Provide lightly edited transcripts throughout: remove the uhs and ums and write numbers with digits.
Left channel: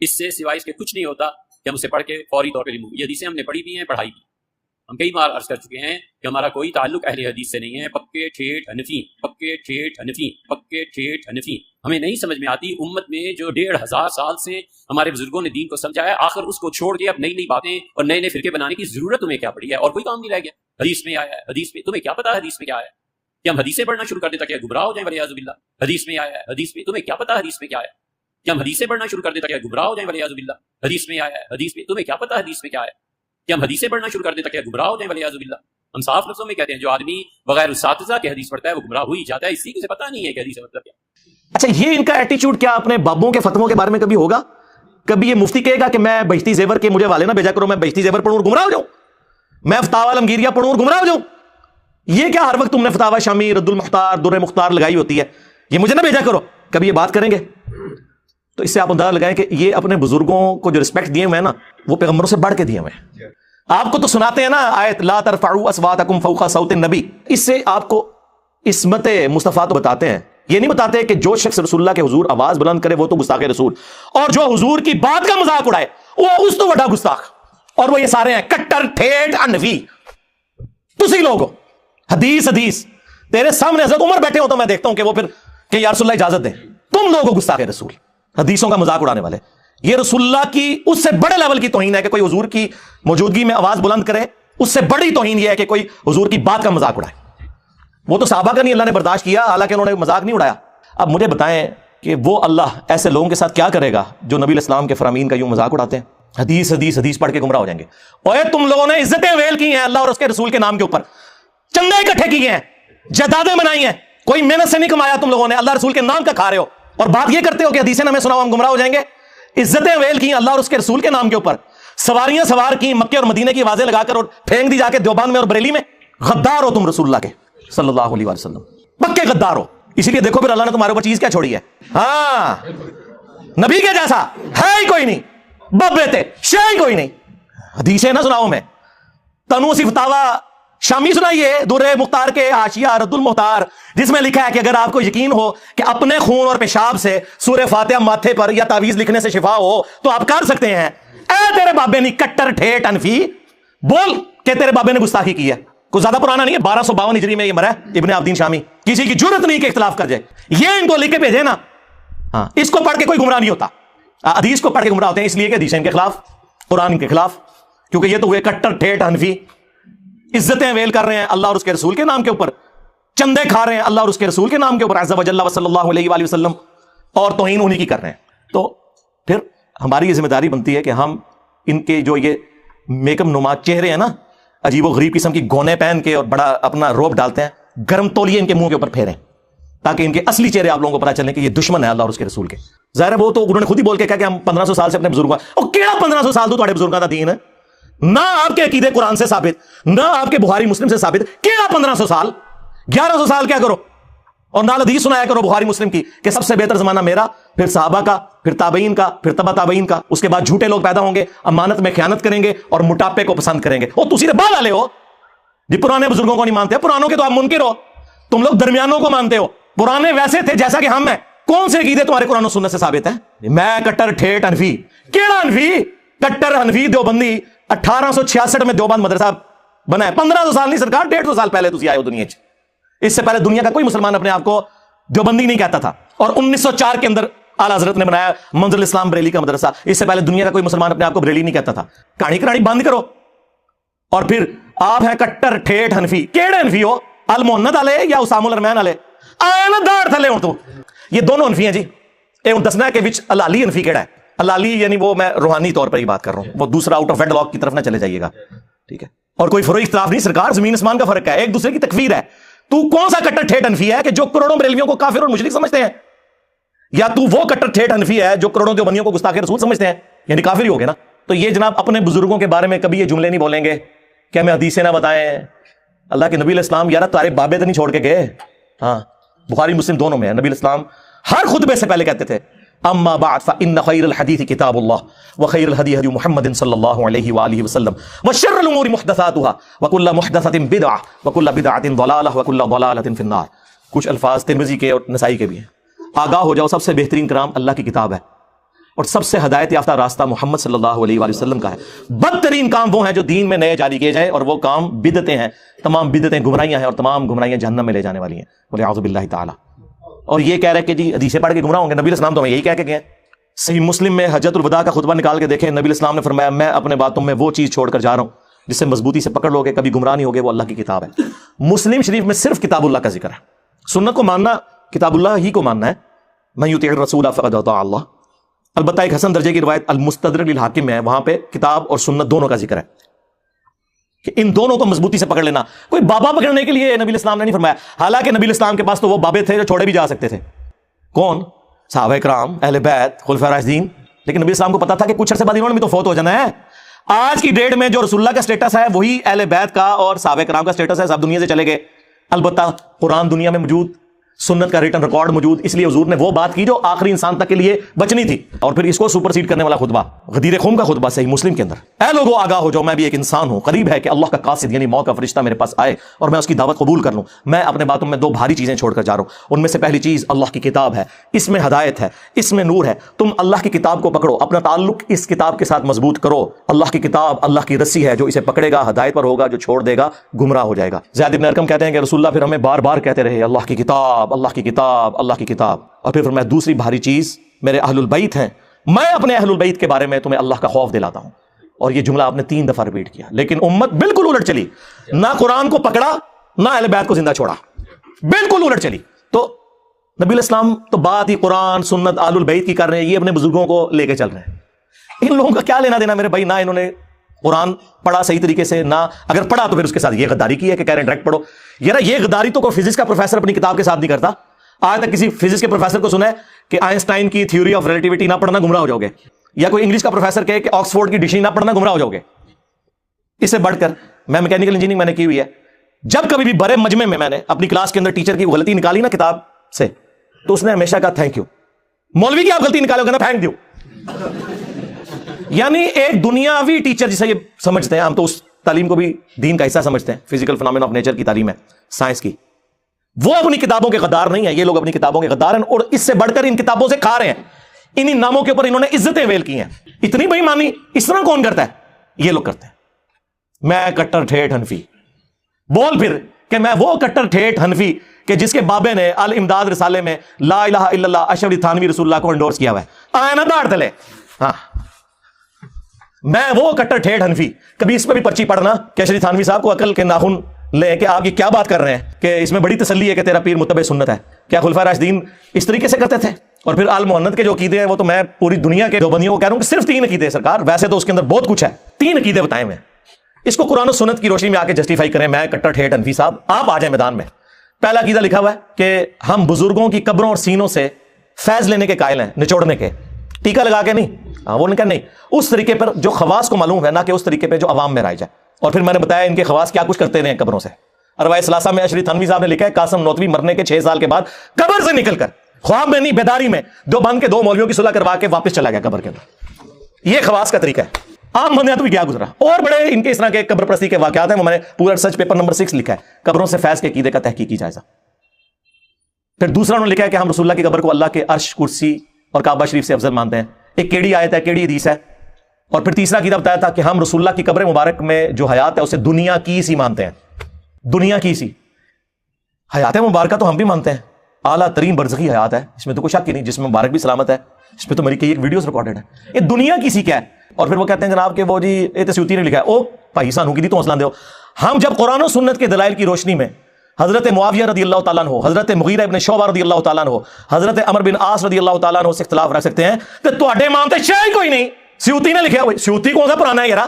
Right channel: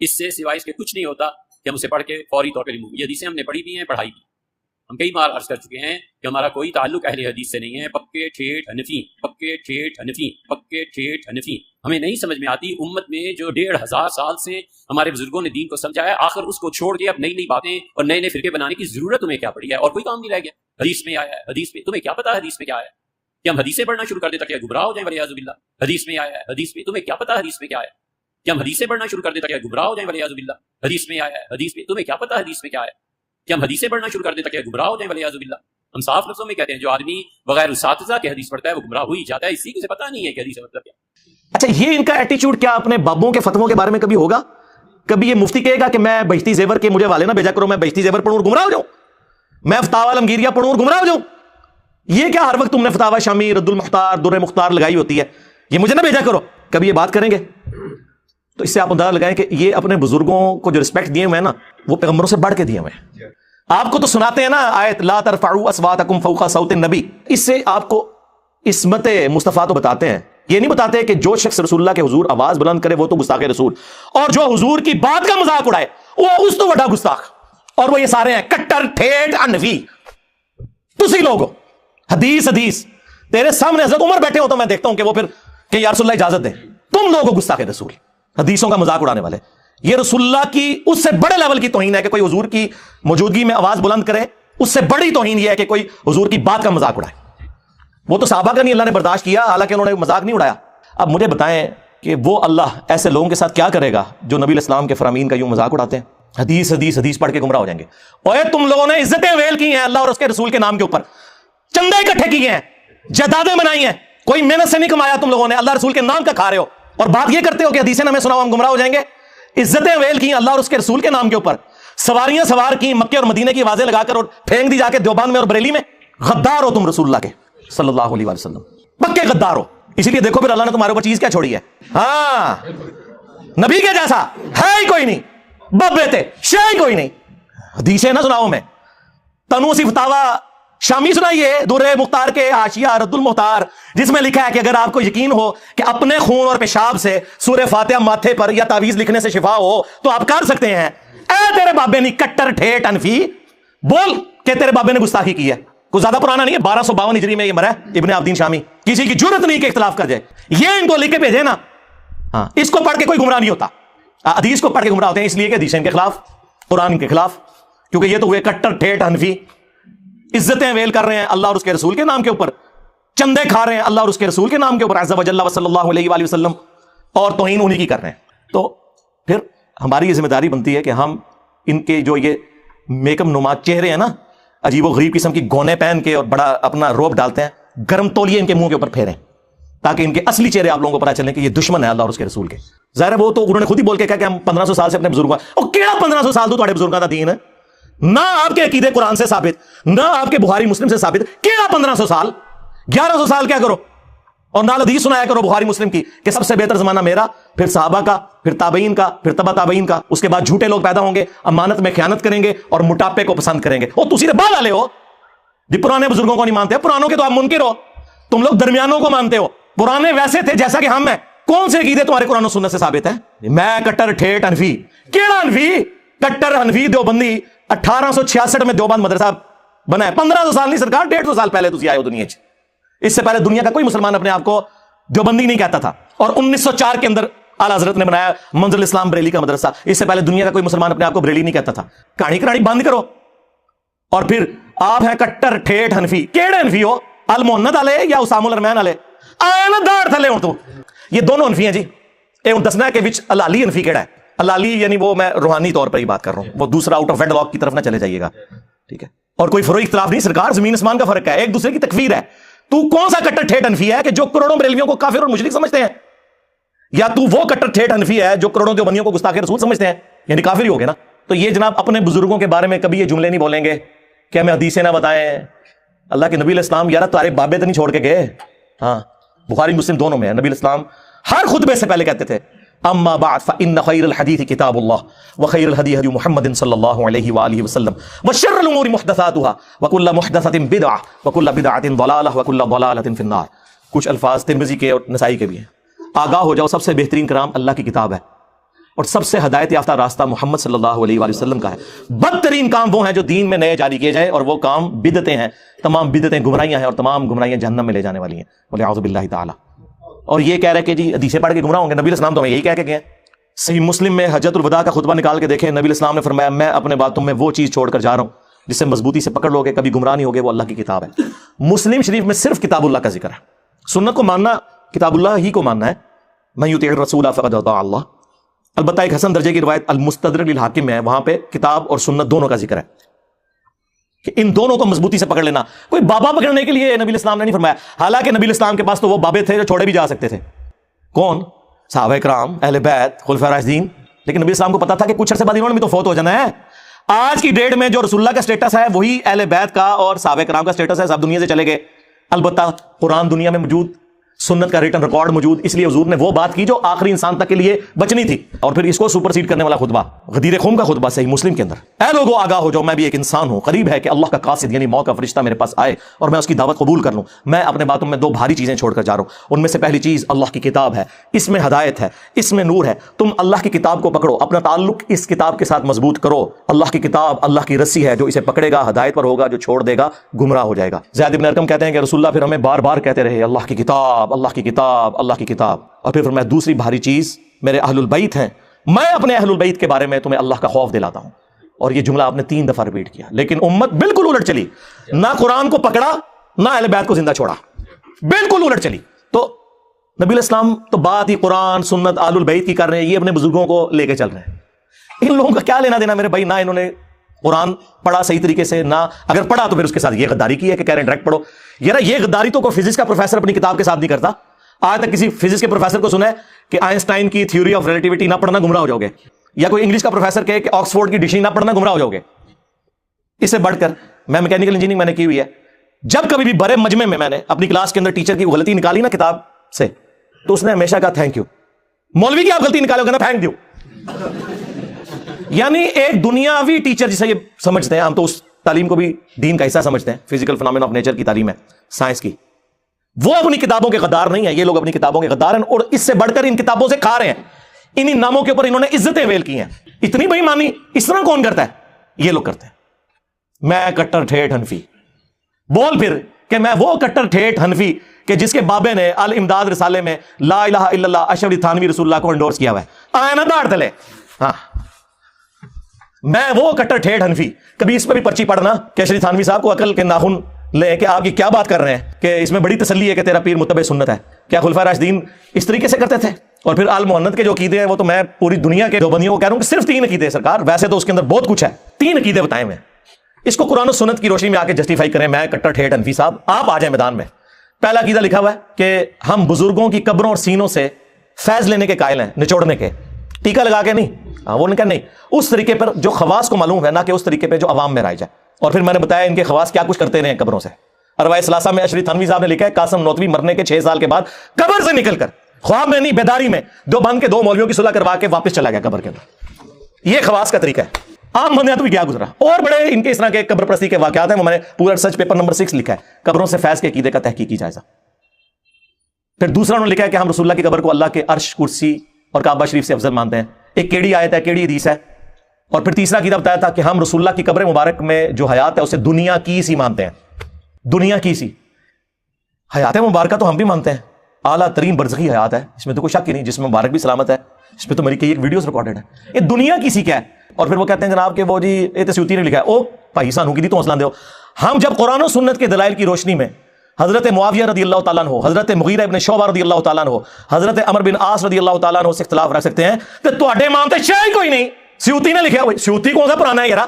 اس سے سوائے اس کے کچھ نہیں ہوتا کہ ہم اسے پڑھ کے فوری طور پہ ریموو. یہ حدیثیں ہم نے پڑھی بھی ہیں، پڑھائی بھی. ہم کئی بار عرض کر چکے ہیں کہ ہمارا کوئی تعلق اہل حدیث سے نہیں ہے. پکے ٹھیٹ حنفی، پکے ٹھیٹ حنفی، پکے ٹھیٹ حنفی. ہمیں نہیں سمجھ میں آتی امت میں جو 1500 سال سے ہمارے بزرگوں نے دین کو سمجھایا، آخر اس کو چھوڑ کے اب نئی نئی باتیں اور نئے نئے فرقے بنانے کی ضرورت تمہیں کیا پڑی ہے؟ اور کوئی کام نہیں رہ گیا. حدیث میں آیا ہے، حدیث میں تمہیں کیا پتا حدیث میں کیا ہے؟ کہ ہم حدیثیں پڑھنا شروع کر دیں تاکہ گمراہ ہو جائیں ولیعاذ باللہ. حدیث میں آیا ہے، حدیث میں تمہیں کیا پتا حدیث میں کیا ہے؟ کہ ہم حدیثیں پڑھنا شروع کر دیں تاکہ گمراہ ہو جائیں ولیعاذ باللہ. حدیث میں آیا ہے، حدیث میں تمہیں کیا پتا حدیث میں کیا ہے؟ کہ ہم حدیثیں پڑھنا شروع کر دیں تاکہ گمراہ ہو جائیں ولیعاذ باللہ. ہم صاف لفظوں میں کہتے ہیں جو آدمی بغیر اساتذہ کے حدیث پڑھتا ہے وہ گمراہ ہو ہی جاتا ہے. اسی کو سے پتہ نہیں ہے کہ حدیث کا مطلب کیا. اچھا، یہ ان کا ایٹیچیوڈ کیا اپنے بابوں کے فتووں کے بارے میں کبھی ہوگا؟ کبھی یہ مفتی کہے گا کہ میں بہشتی زیور کے مجھے والے نہ بھیجا کرو، میں بہشتی زیور پڑھوں اور گمراہ ہو جاؤں، میں فتاوی عالمگیریہ پڑھوں اور گمراہ ہو جاؤں؟ یہ کیا ہر وقت تم نے فتاوی شامی، رد المختار، در مختار لگائی ہوتی ہے، یہ مجھے نہ بھیجا کرو؟ کبھی یہ بات کریں گے؟ تو اس سے آپ اندازہ لگائیں کہ یہ اپنے بزرگوں کو جو رسپیکٹ دیے ہوئے ہیں نا، وہ پیغمبروں سے بڑھ کے دیے ہوئے ہیں. آپ کو تو سناتے ہیں نا آیت لا ترفعوا اصواتکم فوق صوت النبی، اس سے آپ کو عصمت مصطفیٰ تو بتاتے ہیں. یہ نہیں بتاتے کہ جو شخص رسول اللہ کے حضور آواز بلند کرے وہ تو گستاخ رسول، اور جو حضور کی بات کا مذاق اڑائے وہ اس تو بڑا گستاخ. اور وہ یہ سارے ہیں کٹر ٹھیٹ انفی. تسی لوگ حدیث حدیث تیرے سامنے حضرت عمر بیٹھے ہو تو میں دیکھتا ہوں کہ وہ پھر کہ یا رسول اللہ اجازت دیں. تم لوگوں گستاخ رسول، حدیثوں کا مذاق اڑانے والے. یہ رسول اللہ کی اس سے بڑے لیول کی توہین ہے کہ کوئی حضور کی موجودگی میں آواز بلند کرے. اس سے بڑی توہین یہ ہے کہ کوئی حضور کی بات کا مذاق اڑائے. وہ تو صحابہ کا نہیں اللہ نے برداشت کیا، حالانکہ انہوں نے مذاق نہیں اڑایا. اب مجھے بتائیں کہ وہ اللہ ایسے لوگوں کے ساتھ کیا کرے گا جو نبی الاسلام کے فرامین کا یوں مذاق اڑاتے ہیں، حدیث حدیث حدیث پڑھ کے گمراہ ہو جائیں گے. اوے تم لوگوں نے عزتیں ویل کی ہیں اللہ اور اس کے رسول کے نام کے اوپر، چندے اکٹھے کیے ہیں، جائیدادیں بنائی ہیں، کوئی محنت سے نہیں کمایا تم لوگوں نے، اللہ رسول کے نام کا کھا رہے ہو، اور بات یہ کرتے ہو کہ حدیثیں ہمیں سناؤ ہم گمراہ ہو جائیں گے. عزتیں ویل کی اللہ اور اس کے رسول کے نام کے اوپر، سواریاں سوار کی مکے اور مدینے کی آوازیں لگا کر اور پھینک دی جا کے دیوبند میں اور بریلی میں. غدار ہو تم رسول اللہ کے صلی اللہ علیہ وسلم، پکے غدار ہو. اسی لیے دیکھو پھر اللہ نے تمہارے اوپر چیز کیا چھوڑی ہے. ہاں، نبی کے جیسا ہے ہی کوئی نہیں، ببے تھے شے ہی کوئی نہیں. حدیثیں نہ سناؤ میں، تنو سی فتاوا شامی سنائیے در مختار کے حاشیہ رد المختار، جس میں لکھا ہے کہ اگر آپ کو یقین ہو کہ اپنے خون اور پیشاب سے سورہ فاتحہ ماتھے پر یا تعویذ لکھنے سے شفا ہو تو آپ کر سکتے ہیں. اے تیرے بابے نے کٹر ٹھیٹ انفی بول کہ تیرے بابے نے گستاخی کی ہے. کوئی زیادہ پرانا نہیں ہے، 1252 ہجری میں یہ مرا ہے ابن عابدین شامی. کسی کی جرت نہیں کہ اختلاف کر جائے. یہ ان کو لکھ کے بھیجے نا. ہاں، اس کو پڑھ کے کوئی گمراہ نہیں ہوتا. حدیث کو پڑھ کے گمراہ ہوتے ہیں اس لیے کہ حدیث ان کے خلاف، قرآن کے خلاف، کیونکہ یہ تو ہوئے کٹر ٹھیٹ حنفی. عزتیں ویل کر رہے ہیں اللہ اور اس کے رسول کے نام کے اوپر، چندے کھا رہے ہیں اللہ اور اس کے رسول کے نام کے اوپر عز و جل و صلی اللہ علیہ وآلہ وسلم، اور توہین انہی کی کر رہے ہیں. تو پھر ہماری یہ ذمہ داری بنتی ہے کہ ہم ان کے جو یہ میک اپ نما چہرے ہیں نا، عجیب و غریب قسم کی گونے پہن کے اور بڑا اپنا روب ڈالتے ہیں، گرم تولیے ان کے منہ کے اوپر پھیریں تاکہ ان کے اصلی چہرے آپ لوگوں کو پتہ چلے کہ یہ دشمن ہے اللہ اور اس کے رسول کے. ظاہر ہے وہ تو انہوں نے خود ہی بول کے کہا کہ ہم 1500 سال سے اپنے بزرگوں، اور کیڑا 1500 سال تو تھوڑے بزرگوں کا دین ہے، نہ آپ کے عقیدے قرآن سے ثابت، نہ آپ کے بخاری مسلم سے ثابت. کیڑا 1500 سال، 1100 سال کیا کرو، اور نال حدیث سنایا کرو بخاری مسلم کی کہ سب سے بہتر زمانہ میرا، پھر صحابہ کا، پھر تابعین کا، پھر تبع تابعین کا. اس کے بعد جھوٹے لوگ پیدا ہوں گے، امانت میں خیانت کریں گے اور موٹاپے کو پسند کریں گے. اور تسی تو بعد والے ہو جی، پرانے بزرگوں کو نہیں مانتے. پرانوں کے تو آپ منکر ہو، تم لوگ درمیانوں کو مانتے ہو. پرانے ویسے تھے جیسا کہ ہم ہیں. کون سے عقیدے تمہارے قرآن و سنت سے ثابت ہے؟ میں کٹر ٹھیٹ انفی. کیڑا انفی؟ کٹر انفی دیوبندی. 1866 میں دیوبند مدرسہ بنا ہے. 1500 سال نہیں سرکار، 150 سال پہلے تسی آئے ہو دنیا. اس سے پہلے دنیا کا کوئی مسلمان اپنے آپ کو دیوبندی نہیں کہتا تھا. اور 1904 کے اندر اعلیٰ حضرت نے بنایا منزل اسلام بریلی کا مدرسہ. اس سے پہلے دنیا کا کوئی مسلمان اپنے آپ کو بریلی نہیں کہتا تھا. کہانی کہانی بند کرو. اور پھر آپ ہیں کٹر ٹھیٹ حنفی. کیڑے حنفی ہو؟ المحنت والے یا اسام الرحمن والے؟ آنا دار تھلے ہوں تو یہ دونوں حنفی ہیں جی. اے دسنا ہے کہ وچ الالی حنفی کیڑا ہے. الالی یعنی وہ میں روحانی طور پر ہی بات کر رہا ہوں، وہ دوسرا آؤٹ آف ویڈلاک کی طرف نہ چلے جائیے گا، ٹھیک ہے؟ اور کوئی فروئی اختلاف نہیں، سرکار زمین آسمان کا فرق ہے، ایک دوسرے کی تکفیر ہے. تو کون سا کٹر ٹھیٹ حنفی ہے کہ جو کروڑوں بریلویوں کو کافر اور مشرک سمجھتے ہیں، یا تو وہ کٹر ٹھیٹ حنفی ہے جو کروڑوں دیوبندیوں کو گستاخ رسول سمجھتے ہیں؟ یعنی کافر ہی ہو گئے نا. تو یہ جناب اپنے بزرگوں کے بارے میں کبھی یہ جملے نہیں بولیں گے کہ ہمیں حدیثیں نہ بتائیں. اللہ کے نبی الاسلام یار تمہارے بابے تو نہیں چھوڑ کے گئے. ہاں، بخاری مسلم دونوں میں نبی الاسلام ہر خطبے سے پہلے کہتے تھے اما بعد فان خیر الحدیث کتاب اللہ وخیر الهدی هدی محمد صلی اللہ علیہ وآلہ وسلم وشر الامور محدثاتها وكل محدثۃ بدعہ وكل بدعۃ ضلالہ وكل ضلالۃ فی النار. کچھ الفاظ ترمذی کے اور نسائی کے بھی ہیں. آگاہ ہو جاؤ، سب سے بہترین کلام اللہ کی کتاب ہے، اور سب سے ہدایت یافتہ راستہ محمد صلی اللہ علیہ وآلہ وسلم کا ہے۔ بدترین کام وہ ہے جو دین میں نئے جاری کیے جائے، اور وہ کام بدعتیں ہیں۔ تمام بدعتیں گمراہیاں ہیں، اور تمام گمراہیاں جہنم میں لے جانے والی ہیں، والعیاذ باللہ تعالی۔ اور یہ کہہ رہے کہ جی حدیثیں پڑھ کے گمراہ ہوں گے، نبی علیہ السلام تو یہی کہہ کے گئے۔ صحیح مسلم میں حجۃ الوداع کا خطبہ نکال کے دیکھیں، نبی علیہ السلام نے فرمایا میں اپنے باتوں میں وہ چیز چھوڑ کر جا رہا ہوں جسے مضبوطی سے پکڑ لو گے کبھی گمراہ نہیں ہوگے، وہ اللہ کی کتاب ہے۔ مسلم شریف میں صرف کتاب اللہ کا ذکر ہے۔ سنت کو ماننا کتاب اللہ ہی کو ماننا ہے۔ من یطیع الرسول فقد اطاع اللہ۔ البتہ ایک حسن درجے کی روایت المستدرک للحاکم میں ہے، وہاں پہ کتاب اور سنت دونوں کا ذکر ہے کہ ان دونوں کو مضبوطی سے پکڑ لینا۔ کوئی بابا پکڑنے کے لیے نبی علیہ السلام نے نہیں فرمایا، حالانکہ نبی علیہ السلام کے پاس تو وہ بابے تھے جو چھوڑے بھی جا سکتے تھے۔ کون؟ صحابہ کرام، اہل بیت، خلفاء راشدین۔ لیکن نبی السلام کو پتا تھا کہ کچھ عرصے بعد انہوں نے بھی تو فوت ہو جانا ہے۔ آج کی ڈیٹ میں جو رسول اللہ کا سٹیٹس ہے وہی اہل بیت کا اور صحابہ کرام کا سٹیٹس ہے، سب دنیا سے چلے گئے۔ البتہ قرآن دنیا میں موجود، سنت کا ریٹن ریکارڈ موجود، اس لیے حضور نے وہ بات کی جو آخری انسان تک کے لیے بچنی تھی۔ اور پھر اس کو سپر سیڈ کرنے والا خطبہ، غدیر خم کا خطبہ صحیح مسلم کے اندر، اے لوگو آگاہ ہو جاؤ میں بھی ایک انسان ہوں، قریب ہے کہ اللہ کا قاصد یعنی موت کا فرشتہ میرے پاس آئے اور میں اس کی دعوت قبول کر لوں۔ میں اپنے باتوں میں دو بھاری چیزیں چھوڑ کر جا رہا ہوں، ان میں سے پہلی چیز اللہ کی کتاب ہے، اس میں ہدایت ہے، اس میں نور ہے۔ تم اللہ کی کتاب کو پکڑو، اپنا تعلق اس کتاب کے ساتھ مضبوط کرو۔ اللہ کی کتاب اللہ کی رسی ہے، جو اسے پکڑے گا ہدایت پر ہوگا، جو چھوڑ دے گا گمراہ ہو جائے گا۔ زید بن ارقم کہتے ہیں کہ رسول اللہ پھر ہمیں بار بار کہتے رہے اللہ کی کتاب، اللہ کی کتاب، اللہ کی کتاب۔ اور پھر فرمایا دوسری بھاری چیز میرے اہل البیت ہیں، میں اپنے اہل البیت کے بارے میں تمہیں اللہ کا خوف دلاتا ہوں۔ اور یہ جملہ آپ نے 3 دفعہ ریپیٹ کیا، لیکن امت بالکل الٹ چلی، نہ قرآن کو پکڑا نہ اہل بیت کو زندہ چھوڑا، بالکل الٹ چلی۔ تو نبی علیہ السلام تو بات ہی قرآن سنت اہل البیت کی کر رہے ہیں، یہ اپنے بزرگوں کو لے کے چل رہے ہیں۔ ان لوگوں کا کیا لینا دینا میرے بھائی؟ نہ انہوں نے قرآن پڑھا صحیح طریقے سے، نہ اگر پڑھا تو پھر اس کے ساتھ یہ غداری کی ہے کہ کہہ رہے ڈائریکٹ پڑھو۔ یار یہ غداری تو کوئی فزکس کا پروفیسر اپنی کتاب کے ساتھ نہیں کرتا۔ آج تک کسی فزکس کے پروفیسر کو سنا ہے کہ آئنسٹائن کی تھیوری آف ریلیٹیوٹی نہ پڑھنا گمراہ ہو جاؤ گے، یا کوئی انگلش کا پروفیسر کہے کہ آکسفورڈ کی ڈکشنری نہ پڑھنا گمراہ ہو جاؤ گے؟ اس سے بڑھ کر میں میکینیکل انجینئرنگ میں نے کی ہوئی ہے، جب کبھی بھی بڑے مجمع میں میں نے اپنی کلاس کے اندر ٹیچر کی غلطی نکالی نا کتاب سے، تو اس نے ہمیشہ کہا تھینک یو۔ مولوی کی آپ غلطی نکالو گے نا، تھینک یو۔ یعنی ایک دنیاوی ٹیچر جسے یہ سمجھتے ہیں، ہم تو اس تعلیم کو بھی دین کا حصہ سمجھتے ہیں، فزیکل فنامنا آف نیچر کی تعلیم ہے، سائنس کی، وہ اپنی کتابوں کے غدار نہیں ہے، یہ لوگ اپنی کتابوں کے غدار ہیں، اور اس سے بڑھ کر ان کتابوں سے کھا رہے ہیں۔ انہی ناموں کے اوپر انہوں نے عزتیں ویل کی ہیں۔ اتنی بے ایمانی اس طرح کون کرتا ہے؟ یہ لوگ کرتے ہیں۔ میں کٹر ٹھیٹھ حنفی، بول پھر کہ میں وہ کٹر ٹھیٹھ حنفی کہ جس کے بابے نے الامداد رسالے میں لا الہ الا اللہ اشرف علی تھانوی رسول اللہ کو انڈورس کیا ہوا ہے، آئے نا داڑ تلے۔ ہاں میں وہ کٹر ٹھیٹھ حنفی، کبھی اس پر ہی پرچی پڑھنا کہ اشرف تھانوی صاحب کو عقل کے ناخن لے کہ آپ یہ کیا بات کر رہے ہیں کہ اس میں بڑی تسلی ہے کہ تیرا پیر متبع سنت ہے۔ کیا خلفاء راشدین اس طریقے سے کرتے تھے؟ اور پھر آل محنت کے جو عقیدے ہیں وہ تو میں پوری دنیا کے دیوبندیوں کو کہہ رہا ہوں کہ صرف 3 عقیدے سرکار، ویسے تو اس کے اندر بہت کچھ ہے، 3 عقیدے بتائے میں، اس کو قرآن و سنت کی روشنی میں آ کے جسٹیفائی کریں۔ میں کٹر ٹھیٹھ حنفی صاحب، آپ آ جائیں میدان میں۔ پہلا عقیدہ لکھا ہوا ہے کہ ہم بزرگوں کی قبروں اور سینوں سے فیض لینے کے قائل ہیں، نچوڑنے کے، ٹیکا لگا کے نہیں، وہ نہیں کہ نہیں، اس طریقے پر جو خواص کو معلوم ہے، نہ کہ اس طریقے پہ جو عوام میں رائج ہے۔ اور پھر میں نے بتایا ان کے خواص کیا کچھ کرتے رہے ہیں قبروں سے۔ ارواح ثلاثہ میں اشرف تھانوی صاحب نے لکھا ہے قاسم نوتوی مرنے کے 6 سال کے بعد قبر سے نکل کر، خواب میں نہیں بیداری میں، دیوبند کے 2 مولویوں کی صلح کروا کے واپس چلا گیا قبر کے اندر۔ یہ خواص کا طریقہ ہے۔ عام بندے تو بھی کیا گزرا، اور بڑے ان کے اس طرح کے قبر پرستی کے واقعات ہیں، وہ میں نے پورا ریسرچ پیپر نمبر 6 لکھا ہے، قبروں سے فیض کے عقیدے کا تحقیقی جائزہ۔ پھر دوسرا انہوں نے لکھا ہے کہ ہم رسول اللہ کی قبر کو اللہ کے عرش، کرسی اور کعبہ شریف سے افضل مانتے ہیں۔ ایک کیڑی آیت ہے، کیڑی حدیث ہے۔ اور پھر تیسرا عقیدہ بتایا تھا کہ ہم رسول اللہ کی قبر مبارک میں جو حیات ہے اسے دنیا کی سی مانتے ہیں، دنیا کی سی حیات مبارکہ تو ہم بھی مانتے ہیں، اعلیٰ ترین برزخی حیات ہے، اس میں تو کوئی شک ہی نہیں، جس میں مبارک بھی سلامت ہے، اس پہ تو میری کئی ایک ویڈیوز ریکارڈڈ ہے۔ یہ دنیا کی سی کیا ہے؟ اور پھر وہ کہتے ہیں جناب کہ وہ جی یہ سیوطی نے لکھا ہے، او بھائی سانو کی دی تو حوصلہ دو۔ ہم جب قرآن و سنت کے دلائل کی روشنی میں حضرت معاویہ رضی اللہ تعالیٰ عنہ، حضرت مغیرہ ابن شعبہ رضی اللہ تعالیٰ عنہ، حضرت عمر بن عاص رضی اللہ تعالیٰ عنہ سے اختلاف رکھ سکتے ہیں کہ تواڈے امام تے شے کوئی نہیں، سیوطی نے لکھا ہے۔ سیوطی کون سا پرانا ہے یار؟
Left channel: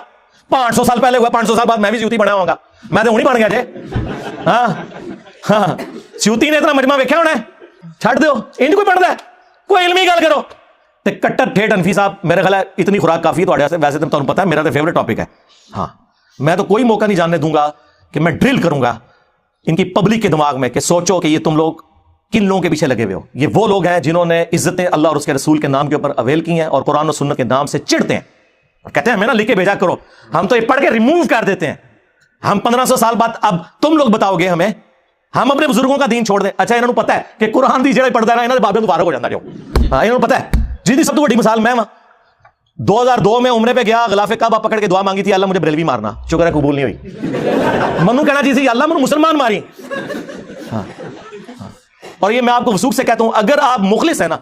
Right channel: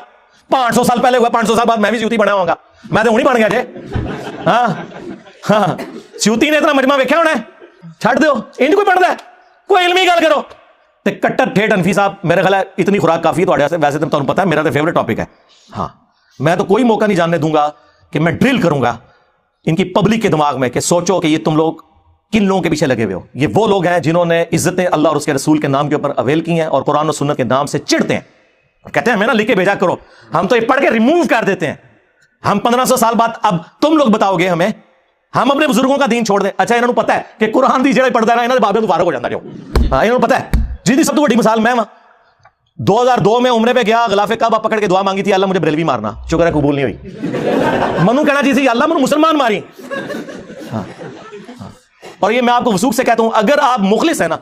500 سال پہلے ہوا، 500 سال بعد میں بھی سیوطی بنا ہوں گا، میں تو نہیں بن گیا تھے۔ ہاں سیوطی نے اتنا مجمع ویکھیا ہونا ہے، چھڑ دو انج کوئی پڑھدا ہے، کوئی علمی گل کرو۔ تے کٹر ٹھیٹھ حنفی صاحب میرے خیال ہے اتنی خوراک کافی ہے تواڈے واسطے، ویسے تو تانوں پتہ ہے میرا تو فیورٹ ٹاپک ہے۔ ہاں میں تو کوئی موقع نہیں جاننے دوں گا کہ میں ڈرل کروں گا ان کی پبلک کے دماغ میں کہ سوچو کہ یہ تم لوگ کن لوگوں کے پیچھے لگے ہوئے ہو۔ یہ وہ لوگ ہیں جنہوں نے عزتیں اللہ اور اس کے رسول کے نام کے اوپر اویل کی ہیں اور قرآن و سنت کے نام سے چڑھتے ہیں اور کہتے ہیں ہمیں نا لکھ کے بھیجا کرو، ہم تو یہ پڑھ کے ریموو کر دیتے ہیں۔ ہم 1500 سال بعد اب تم لوگ بتاؤ گے ہمیں، ہم اپنے بزرگوں کا دین چھوڑ دیں۔ اچھا انہوں نے پتا ہے کہ قرآن دی جڑے پڑھدا ہے نا انہاں دے بابے دوبارہ ہو جاندا کیوں؟ ہاں انہوں نے پتا ہے، جی دی سب تو بڑی مثال میں ہاں، 2002 میں عمرے پہ گیا, غلاف کعبہ پکڑ کے دعا مانگی تھی, اللہ مجھے بریلوی مارنا, شکر ہے قبول نہیں ہوئی. منو کہنا جی سے اللہ منو مسلمان ماری. اور یہ میں آپ کو وثوق سے کہتا ہوں, اگر آپ مخلص ہیں نا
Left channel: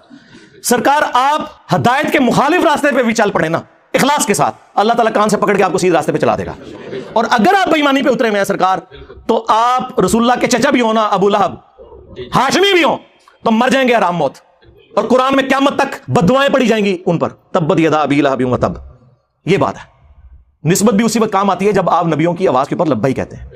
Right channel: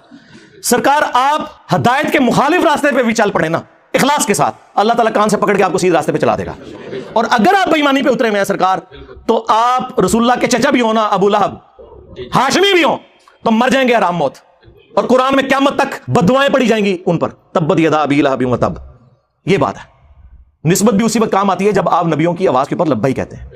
سرکار, آپ ہدایت کے مخالف راستے پہ بھی چل پڑے نا اخلاص کے ساتھ, اللہ تعالیٰ کان سے پکڑ کے آپ کو سیدھے راستے پہ چلا دے گا. اور اگر آپ بے ایمانی پہ اترے ہوئے ہیں سرکار, تو آپ رسول اللہ کے چچا بھی ہو نا, ابو لہب ہاشمی بھی ہو, تو مر جائیں گے آرام موت. اور قرآن میں قیامت تک بد دعائیں پڑھی جائیں گی ان پر, تبت یدا ابی لہب وتب. یہ بات ہے, نسبت بھی اسی وقت کام آتی ہے جب آپ نبیوں کی آواز کے اوپر لبیک کہتے ہیں.